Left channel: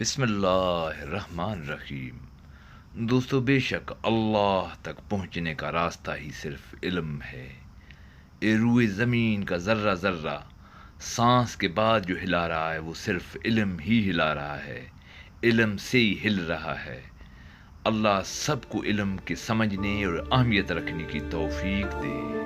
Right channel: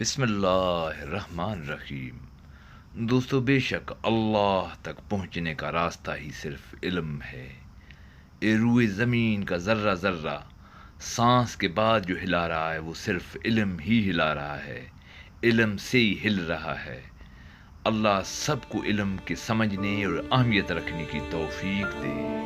बिस्मिल्लाहिर्रहमानिर्रहीम। दोस्तों, बेशक अल्लाह तक पहुँचने का रास्ता ही सिर्फ इल्म है। ये रूए ज़मीन का ज़र्रा ज़र्रा सांस के बाद जो हिला रहा है वो सिर्फ इल्म ही हिला रहा है, इल्म से ही हिल रहा है। अल्लाह सबको इल्म के समझने और अहमियत रखने की तौफीक दे।